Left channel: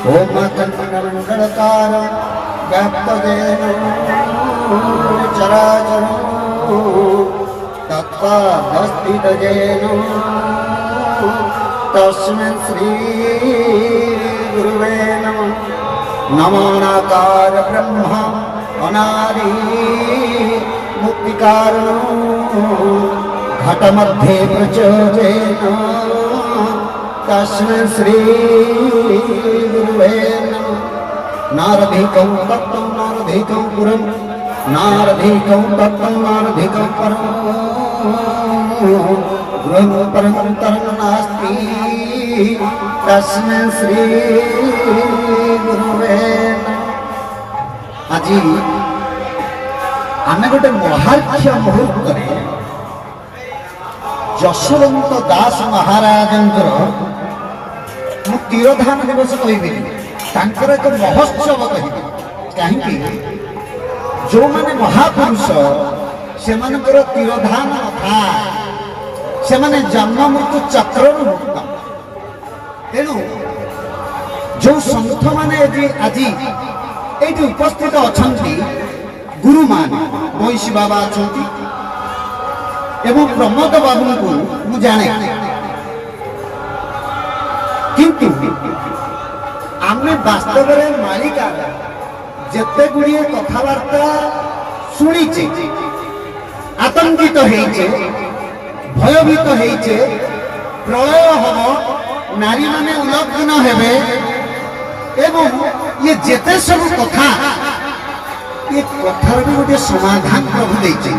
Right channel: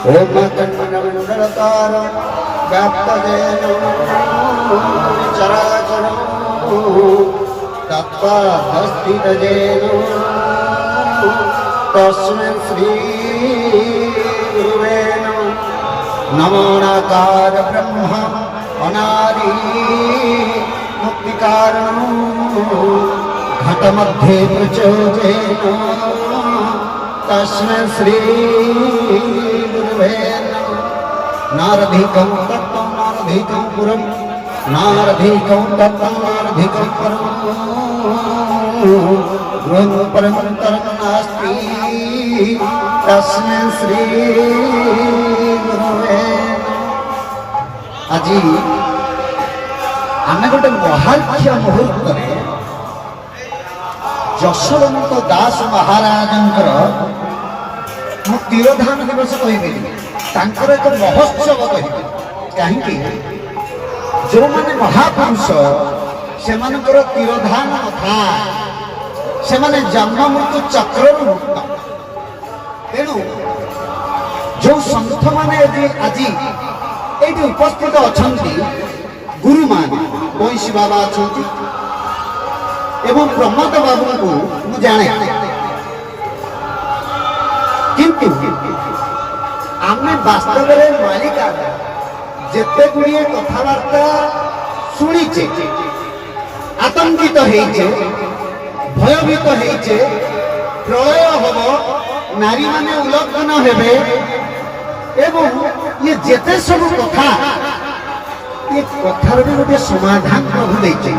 ओम चंद्रमंडलकार व्याप्तदेनो चराचरो तत्त्वस्थितजेनो तस्मै श्री गुरुवे नमो। नमोऽकार ब्रह्म अनादि मुक्तिकारणो घटमध्ये प्रचोदयेनो तस्मै श्री गुरुवे नमः। नारधिकं तत्त्वं नारधिकं पुरं नारधिकं तत्त्वं नारधिकं परं गृहं परन्तरं नास्ति तस्मै श्री गुरुवे नमः। आज आमे गोटे महाख्य मुहूर्त यशवंत दास महाराजंकर मु तिरोधान दिवस कहबेनि एक महोत्सव कहि कहीं जो माने महापुरुष से तिरोधान था से जन्म मृत्यु चक्र मुक्त तेणु जो संत माने आज ये उपस्थित अच्छा गुरु मान बंशी बाबा अच्छा एवं प्रमोद बाबू को मुझे जाने किंतु आमे वास्तव में मालिका जिते गुड़िए कथबार्ता शुणीचे आतंकित होइचे भयभीत होइचे प्रलय हम नारी माने उलग्न हेबे एवं ये जेते सब कथा ये कथार भी गोटे समाधान प्रभु देइचे।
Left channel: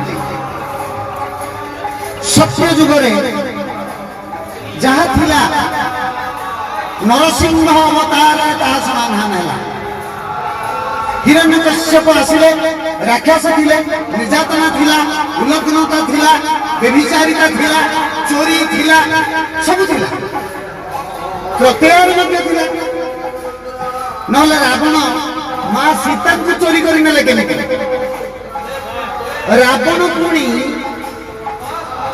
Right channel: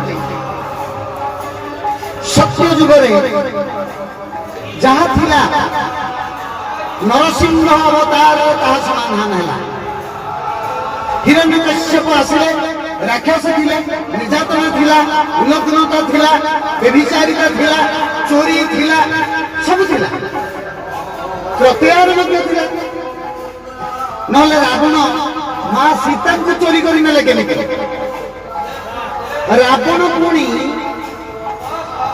सत्य जुगरे जहाँ थिला नरसिंह अवतार ताहा समाधान है। हिरण्यकश्यप आसिले राक्षस थिले निर्यातना थिला उलग्नता थिला व्यभिचारिता थिला चोरी थिला सब थिला प्रत्येक मध्य थिला नहले रावण मां सीता को चोरी करी नेले केने रावण पुणी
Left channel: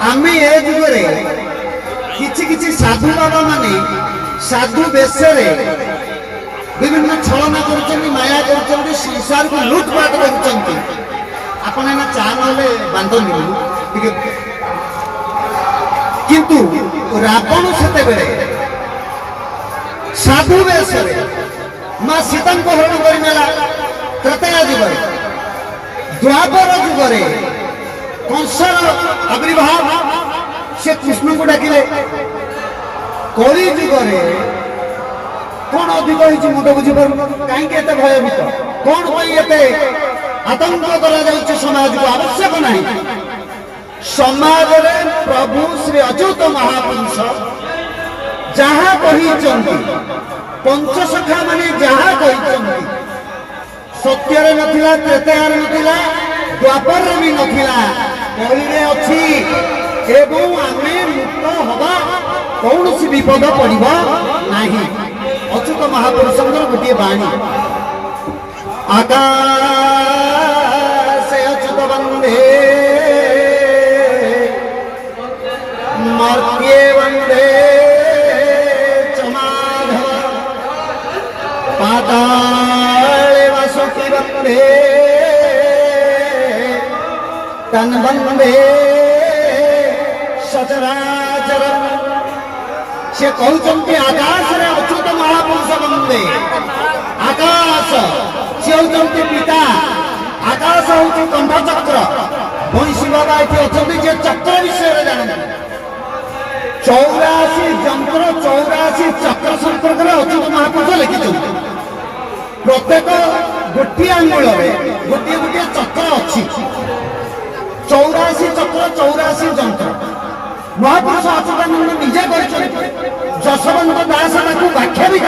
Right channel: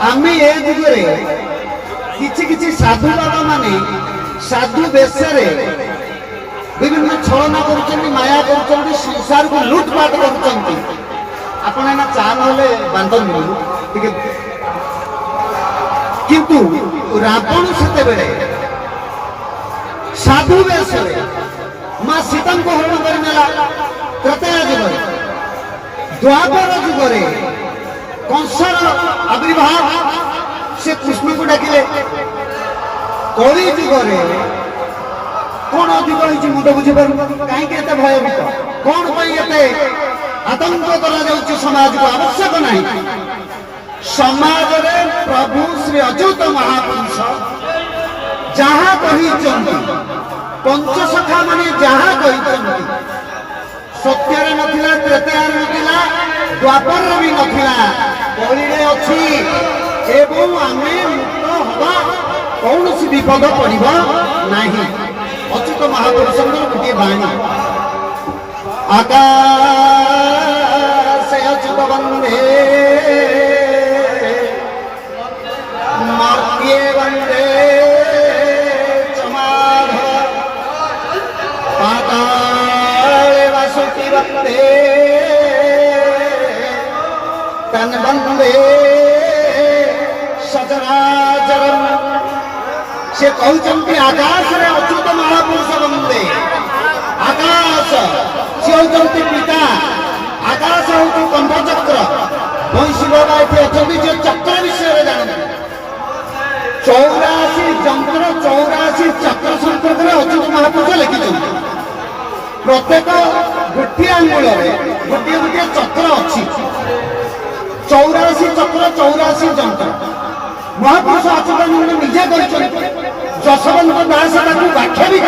आमे ए जुगरे किछि किछि साधु बाबा माने साधु बेशरे विभिन्न छलना करुचंती माया करुचंती संसार को लूटपाट करुचंती आपण एना चाल होले बांधनी ठीक किंतु रावण सेते बेले साधु बेशरे मां सीता को हरण करि नेला त्रेता जुगरे द्वापर जुगरे कंसर आविर्भाव से कृष्ण को डाकिले कली जुगरे कौन अधिक होइछि मुझे बुझी पार कहीं भयभीत कौन आतंक करा जाउछि समाज को आवश्यक नहीं समाज रे प्रभु श्री अच्युत महापुरुष जहाँ कही पंचसखा माने जहाँ कही सत्य नथिला त्रेतार नथिला द्वापर भी नथिला कली अच्छी एवं आमे मुक्त हवा कौन सी विपद पड़िबा नहीं। अच्युत महापुरुष गोटे बाणी आकाश अच्युत वंदे मर्त्ये वंदे चमाध पाताले वासुकी वंदे तन वंदे सचराचरम से कहते आकाश रे अच्युत महापुरुष वंदे आकाश से होती पिता आकाश हूँ कंठचक्र बंशी बाबा ये अच्छा जे चक्र विषय जानते 84 जंत्र 84 चक्र संपर्क में अच्युत महापुरुष लिखिं प्रत्येक गोटे आंगुल गोटे गोटे चक्र अच्छी 84 चक्र 84 जंत्र महापुरुष अच्युतानंद निजे जशवंत दास व्याख्या भी कर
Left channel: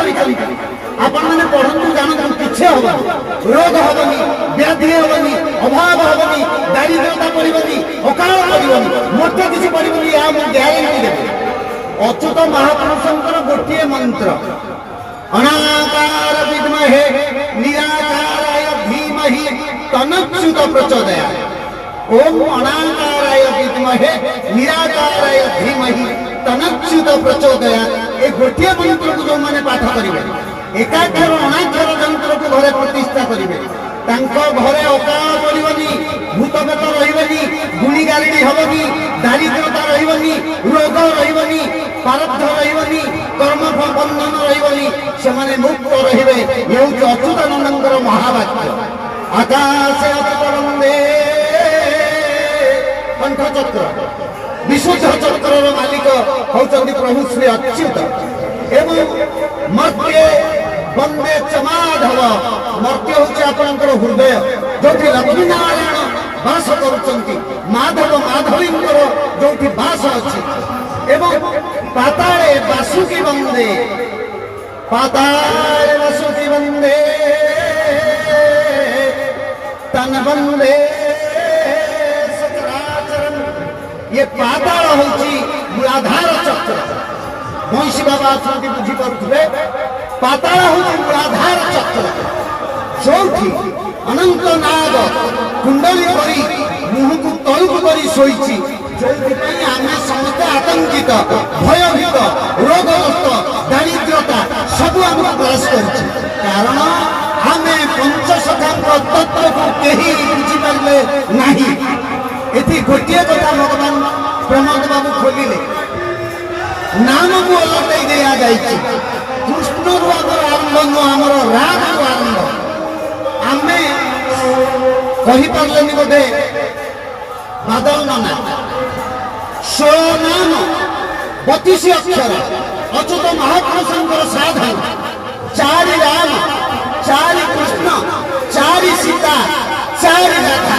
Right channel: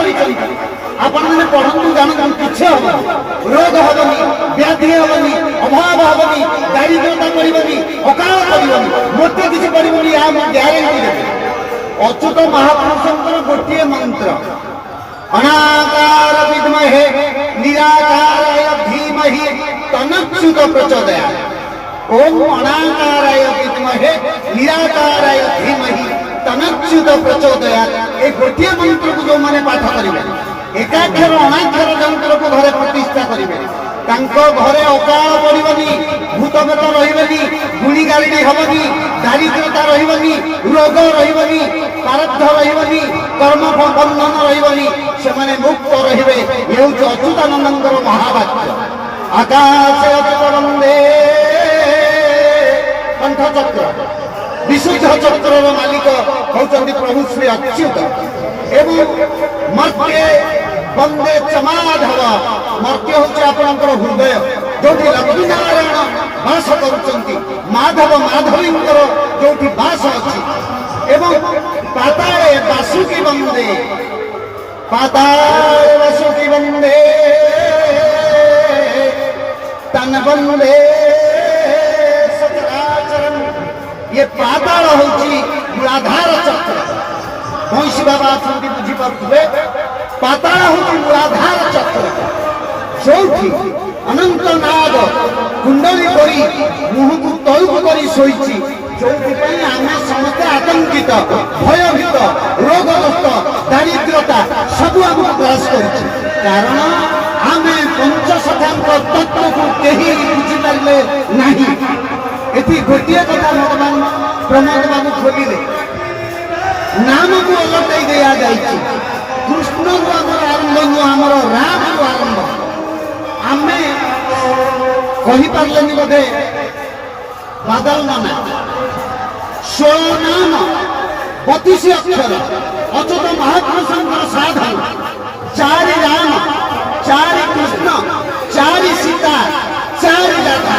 आपण मैंने पढ़ु जानतु किसी हम रोग हेनी व्याधि हेनी अभाव हेनी दारिद्रता पड़ोनी अकाल पड़ोनी मोटे किसी पड़ोनी या ग्यारेंटी देवी अच्युत महापुरुषंकर गोटे मंत्र अनाकार विद्महे निराकाराय धीमहि तनच्युत प्रचोदयात् ओम अनाकाराय विद्महे निराकाराय धीमहि तनच्युत प्रचोदयात् ए गोटे मंत्र को जो माने पाठ करेंगे ଏକାକ୍ଷର ଅନାକ୍ଷର ଯନ୍ତ୍ରକୁ ଘରେ ପ୍ରତିଷ୍ଠା କରିବେ। ତାଙ୍କ ଘରେ ଅକାଳ ପଡ଼ିବନି, ଭୂତପେତ ରହିବନି, ଗୁଣି ଗାରିଡ଼ି ହେବନି, ଦାରିଦ୍ରତା ରହିବନି, ରୋଗ ରହିବନି, ପାରବ୍ଧ ରହିବନି, କର୍ମ ବନ୍ଧନ ରହିବନି, ସେମାନେ ମୁକ୍ତ ରହିବେ। ଏ ହେଉଛି ଅଚ୍ୟୁତାନନ୍ଦଙ୍କର ମହାବାକ୍ୟ। ଆକାଶ ଅଚ୍ୟୁତ ବନ୍ଦେ କଣ୍ଠଚକ୍ର, ବିଶୁଦ୍ଧ ଚକ୍ରର ମାଲିକ ହେଉଛନ୍ତି ପ୍ରଭୁ ଶ୍ରୀ ଅଚ୍ୟୁତ। ଏବଂ ମର୍ତ୍ତ୍ୟ ବନ୍ଦେ ଚମାଧବ, ମର୍ତ୍ତ୍ୟ ହେଉଛି ଆପଣଙ୍କର ହୃଦୟ, ଯୋଉଠି ଲକ୍ଷ୍ମୀ ନାରାୟଣ ବାସ କରୁଛନ୍ତି, ମାଧବ ମାଧବୀଙ୍କର ଯୋଉଠି ବାସ ଅଛି। ଏବଂ ପାତାଳେ ବାସୁକି ବନ୍ଦେ, ପାତାଳେ ବାସୁକି ବନ୍ଦେ ତନ ବନ୍ଦେ ସଚରାଚରମ୍। ଇଏ ପାତାଳ ହେଉଛି ମୂଳାଧାର ଚକ୍ର। ବଂଶୀ ବାବା ଅଛନ୍ତି ବୁଝିପାରୁଥିବେ, ପାତାଳ ହେଉଛି ମୂଳାଧାର ଚକ୍ର, ଯୋଉଠି ଅନନ୍ତ ନାଗ କୁଣ୍ଡଳୀ କରି ମୁହଁକୁ ତଳକୁ କରି ଶୋଇଛି। ଯୋଉଥିପାଇଁ ଆମେ ସମସ୍ତେ ଆତଙ୍କିତ, ଭୟଭୀତ, ରୋଗଗ୍ରସ୍ତ, ଦାରିଦ୍ରତା ସବୁ ଆମକୁ ଗ୍ରାସ କରୁଛି। କାରଣ ଆମେ ପଞ୍ଚସଖାଙ୍କ ତତ୍ତ୍ୱକୁ କେହି ବୁଝିପାରିଲେ ନାହିଁ। ଏଠି ଗୋଟିଏ କଥା ଭଗବାନ ପ୍ରମୋଦ ବାବୁ ଖୋଲିଲେ, ନାମକୁ ଓଲଟେଇ ଦିଆଯାଇଛି। କୃଷ୍ଣରୁ ଆମର ଆରମ୍ଭ ନୁହଁ, ଆମର ରାମରୁ ଆରମ୍ଭ। ଆମେ କହିପାରିଲେନି ବୋଧେ ବାଦଲ ନନା, 16 ନାମ 32 ଅକ୍ଷର ଅଚ୍ୟୁତ ମହାପୁରୁଷଙ୍କର ସାଧନ। 4 ରାମ, 4 କୃଷ୍ଣ, 4 ସୀତା, 4 ରାଧା।